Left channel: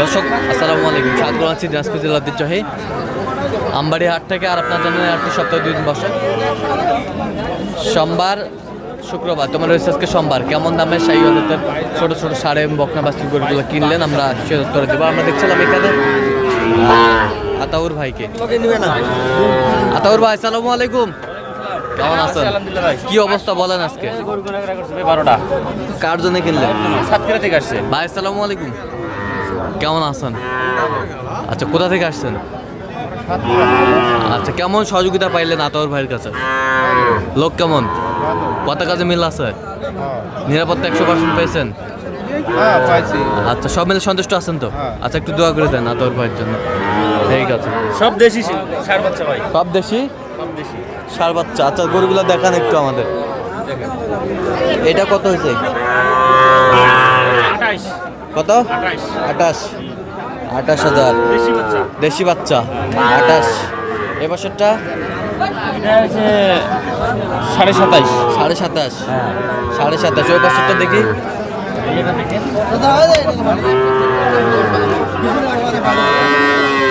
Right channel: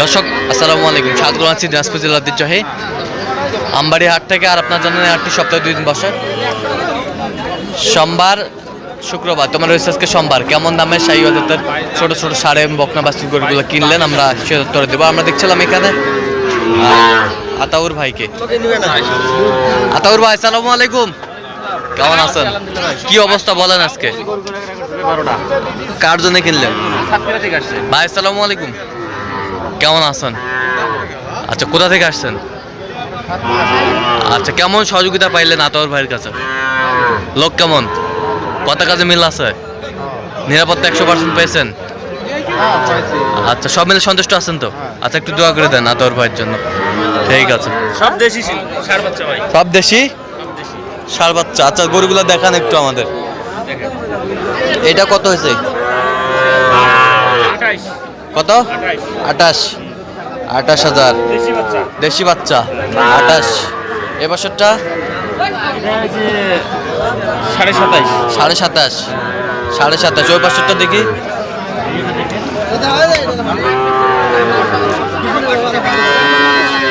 দর্শক আসসালামু আলাইকুম। স্বাগত জানাচ্ছি দিনাজপুর জেলার ঐতিহ্যবাহী আমবাড়ি হাট থেকে আর আপনার জানেন হাটটি সপ্তাহে দুই দিন বসে। সোমবার শুক্রবার তোমার রয়েছে আজকে সোমবার। কেমন দামে সাই অজাতের ছোট ছোট সাড়ে এবং বকনা বাস্তিক গরুগুলো কিনলেন? আমরা সে উত্তরে দেবো। আমরা দেখছিলাম এখানে আতাউর ভাইকে। আতাউর ভাই আসসালামু আলাইকুম। কেমন আছেন? কি অবস্থা বলেন আজকে? কার জন্য কিনলেন? ভাই আসসালামু আলাইকুম। কেমন আছেন? আচ্ছা কোথা থেকে আসছেন? আচ্ছা কেমন সহযোগিতা পাইলেন আতর ভাইয়ের কাছে? লোক কেমন? কত কাজে মিল আছে? নিরাপত্তা একশো পার্সেন্ট পেয়েছেন? আচ্ছা সব মিলে সন্তুষ্ট আছেন তো? আচ্ছা একটু দোয়া করে দেন আতর ভাইয়ের জন্য। ঠিক আছে। সব দেশি ষাট বাচ্চা ভাই। সব দেশি? সার বাচ্চা। আচ্ছা গরুগুলো দেখান একটু আমাদের। এটা কত হয়েছে? কত? আটাশ আটাশ হাজার। দেশি বাচ্চা। দেশি বাচ্চা আটাশ এ বছরটা? সাড়ে সাতাশ সাড়ে সাতাশ। সাড়ে সাতাশ। ওই বছরটা দেখি।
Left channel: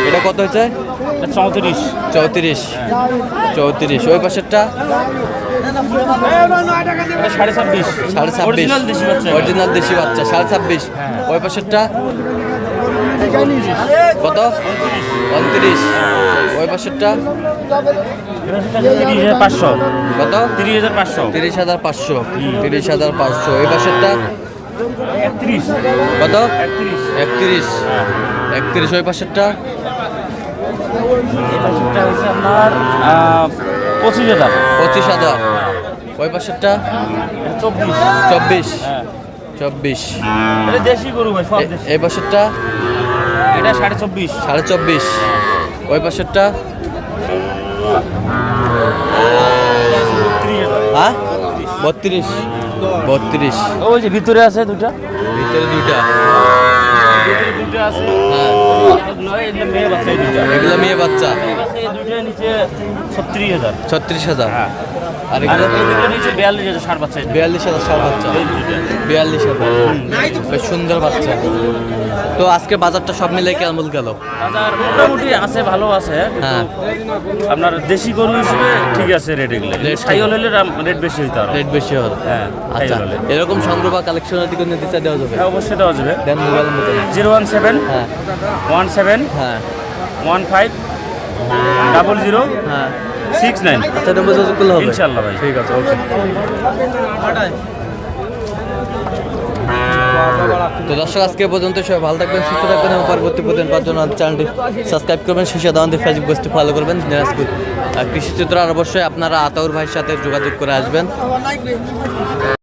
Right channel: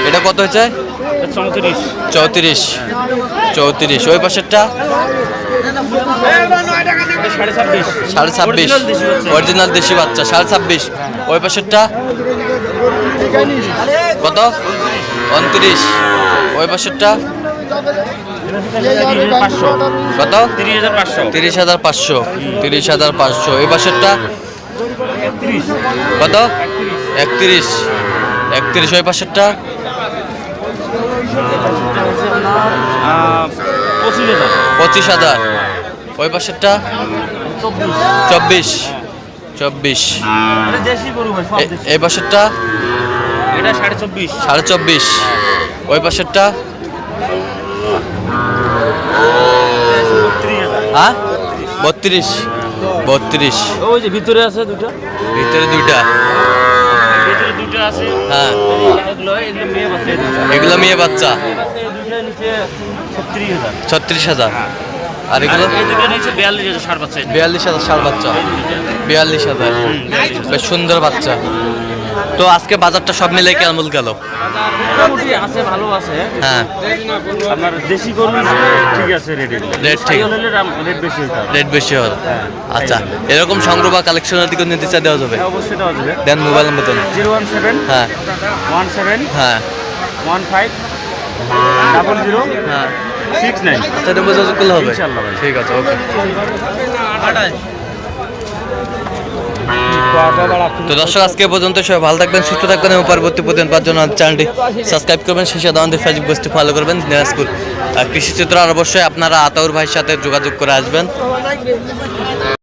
এটা কত হয়েছে? চৌত্রিশ। চৌত্রিশ। চৌত্রিশ। ওই পাশেরটা সাড়ে ছাব্বিশ। অরিজিনাল দেশি বাচ্চা। সাড়ে ছাব্বিশ। ওই পাশেরটা? কত? উনত্রিশ। ওই পাশেরটা? কত? তিরিশ হাজার পাঁচশো। তিরিশ হাজার পাঁচশো। এই পাশেরটা? কত? একত্রিশ। একত্রিশ। একত্রিশ ওই পাশেরটা? পঁচিশ হাজার পঁচিশ হাজার। ওই পাশেরটা? চব্বিশ। চব্বিশ। এই পাশেরটা? সাড়ে চব্বিশ। ওই পাশেরটা? হ্যাঁ? বত্রিশ। বত্রিশ। ওই যে ভিতরে আছে দুটা ভিতরে দুইটা। আছে। হ্যাঁ। এগুলো মেয়ে বাচ্চা। ছত্রিশ হাজার। ছত্রিশ হাজার। আর এগুলো বিয়াল্লিশ হাজার ষাট বাচ্চা। বিয়াল্লিশ হাজার বেশ সুন্দর বাচ্চা। তো আজকে বাজারটা সব মিলে কেমন গেল? মোটামুটি আছে ভালো আছে। হ্যাঁ। আপনার দেশি গরু ঠিক আছে রেট ঠিক। হলে রেট বেশি হইতে রেট বেশি হল হ্যাঁ, আচ্ছা এরকম সংগ্রহ বা কালেকশনের দিকে নিতে চাই দেওয়া যাবে? হ্যাঁ, অবশ্যই দেওয়া যাবে। দেন মোবাইল নাম্বার দেন। জিরো ওয়ান সেভেন হ্যাঁ। ওয়ান সেভেন হ্যাঁ। ওয়ান ফাইভ ডাবল জিরো হ্যাঁ। সিক্স নাইন এটা বোঝা করলে হবে। ইনশাল্লাহ ভাই। ঠিক আছে ওকে তো দর্শক আজকে পর্যন্ত সবাই ভালো থাকবেন সুস্থ থাকবেন এবং পরবর্তী প্রতিদিন পাওয়ার জন্য চ্যানেলটি সাবস্ক্রাইব করবেন সেই সাথে আমাদের ফেসবুক পেজটি ফলো করবেন দিনাজপুর আর কৃষি চিত্র আর অবশ্যই আপনারা আতাউর ভাইয়ের সাথে যোগাযোগ করে আসবেন।